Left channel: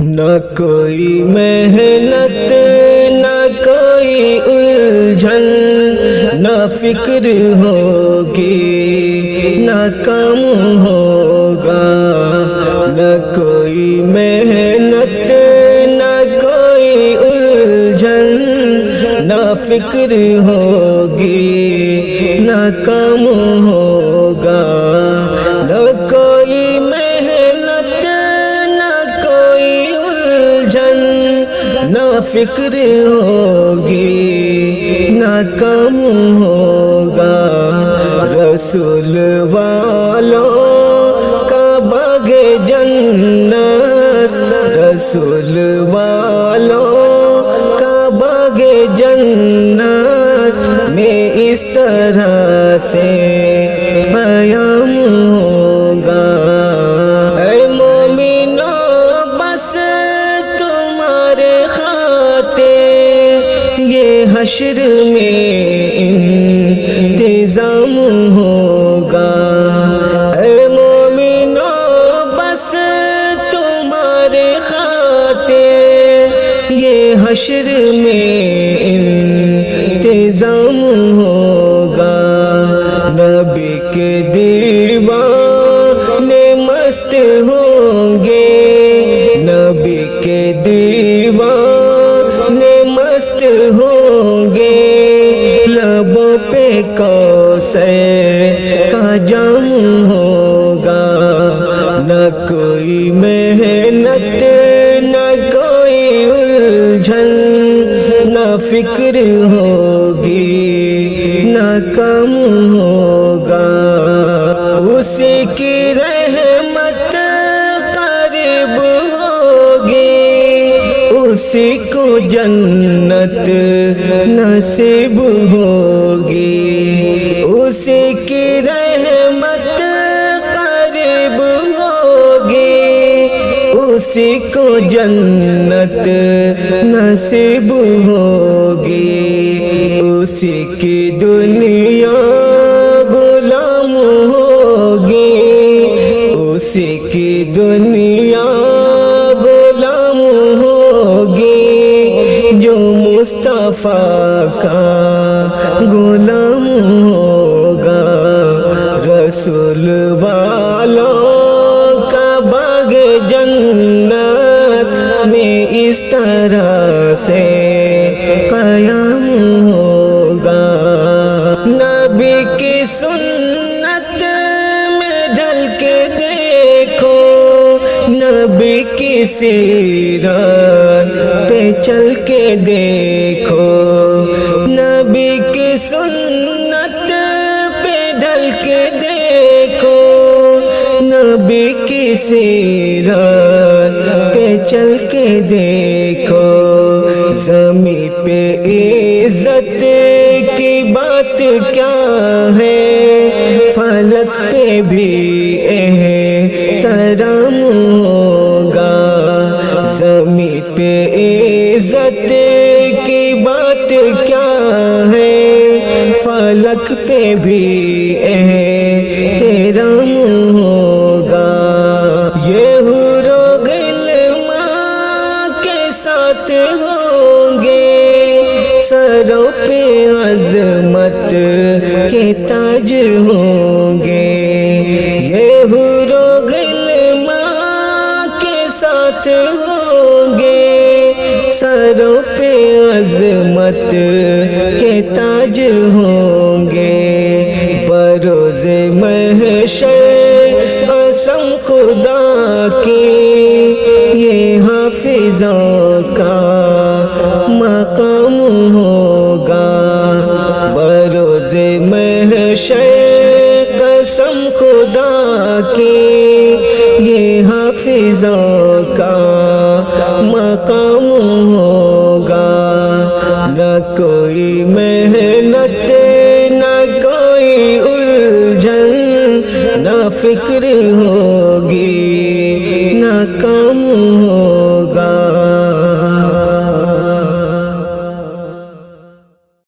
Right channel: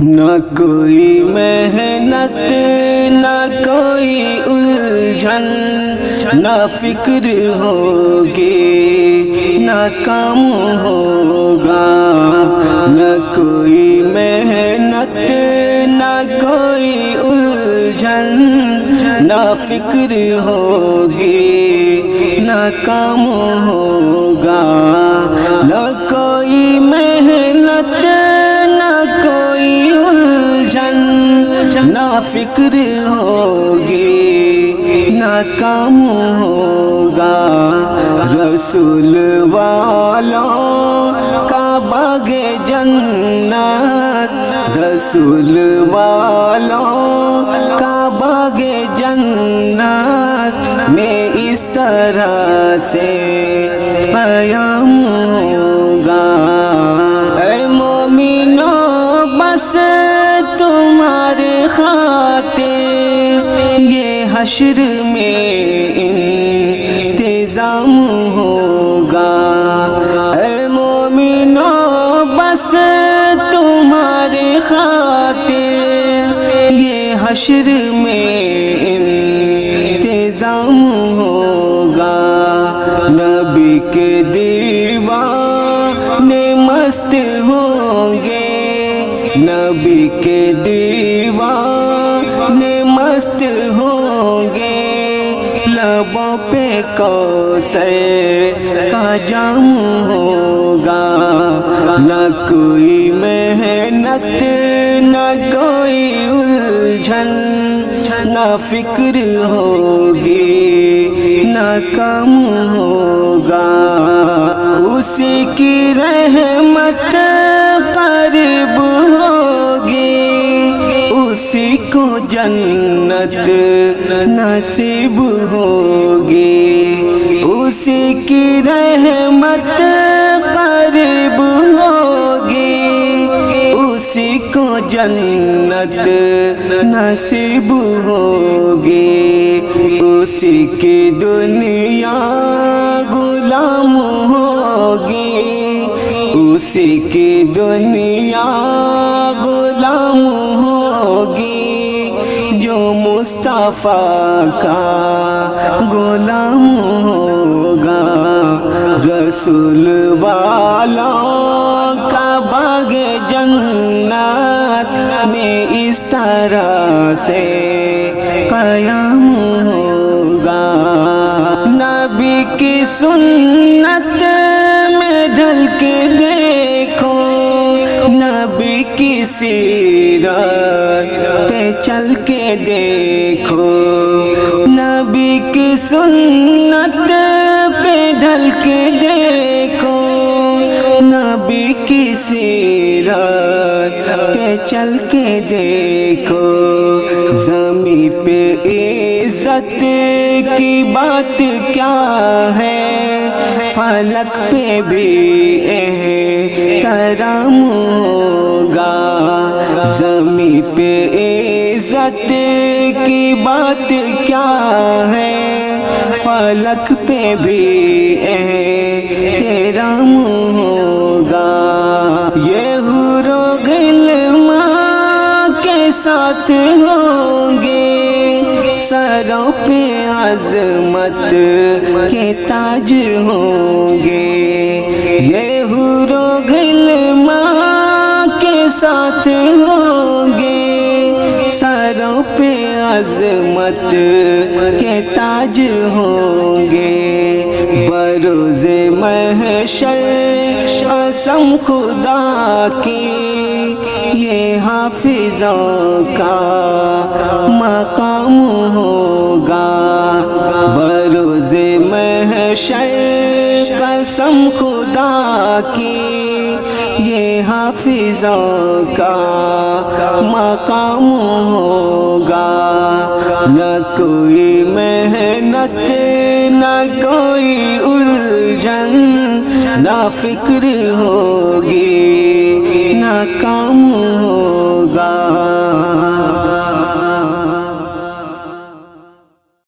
نہ کوئی محنت نہ کوئی الجھن، نہ فکر ہوگی نہ کام ہوگا، نہ کوئی محنت نہ کوئی الجھن، نہ فکر ہوگی نہ کام ہوگا، نہ کوئی محنت نہ کوئی الجھن، نہ فکر ہوگی نہ کام ہوگا، رسول والوں کا باغ جنت، رسول والوں کا باغ جنت میں اس طرح سے قیام ہوگا۔ اے مومنوں بس تمہارے خاطر یہ حشر میں انتظام ہوگا۔ اے مومنوں بس تمہارے خاطر یہ حشر میں انتظام ہوگا، نبی کے دیوانے مست ہوں گے، نبی کے دیوانے مست ہوں گے، لبوں پہ کوثر کا جام ہوگا، نہ کوئی محنت نہ کوئی الجھن، نہ فکر ہوگی نہ کام ہوگا، اسی کی رحمت قریب ہوگی، اسی کو جنت نصیب ہوگی، اسی کی رحمت قریب ہوگی، اسی کو جنت نصیب ہوگی، اسی کی دنیا غلام ہوگی، اسی کی دنیا غلام ہوگی، جو مصطفیٰ کا غلام ہوگا، رسول والوں کا باغ جنت میں اس طرح سے قیام ہوگا، نبی کی سنت میں ڈھل کے دیکھو، نبی کی سیرت پہ چل کے دیکھو، نبی کی سنت پہ ڈھل کے دیکھو، نبی کی سیرت پہ چل کے دیکھو، زمین پہ عزت کی بات کیا ہے، فلک پہ بھی احترام ہوگا، زمین پہ عزت کی بات کیا ہے، فلک پہ بھی احترام ہوگا، یہ حور و غلمان کے ساتھ ہوں گے، سروں پہ عظمت کے تاج ہوں گے، یہ حور و غلمان کے ساتھ ہوں گے، سروں پہ عظمت کے تاج ہوں گے، بروز محشر قسم خدا کی یہ حافظوں کا مقام ہوگا، بروز محشر قسم خدا کی یہ حافظوں کا مقام ہوگا، نہ کوئی محنت نہ کوئی الجھن، نہ فکر ہوگی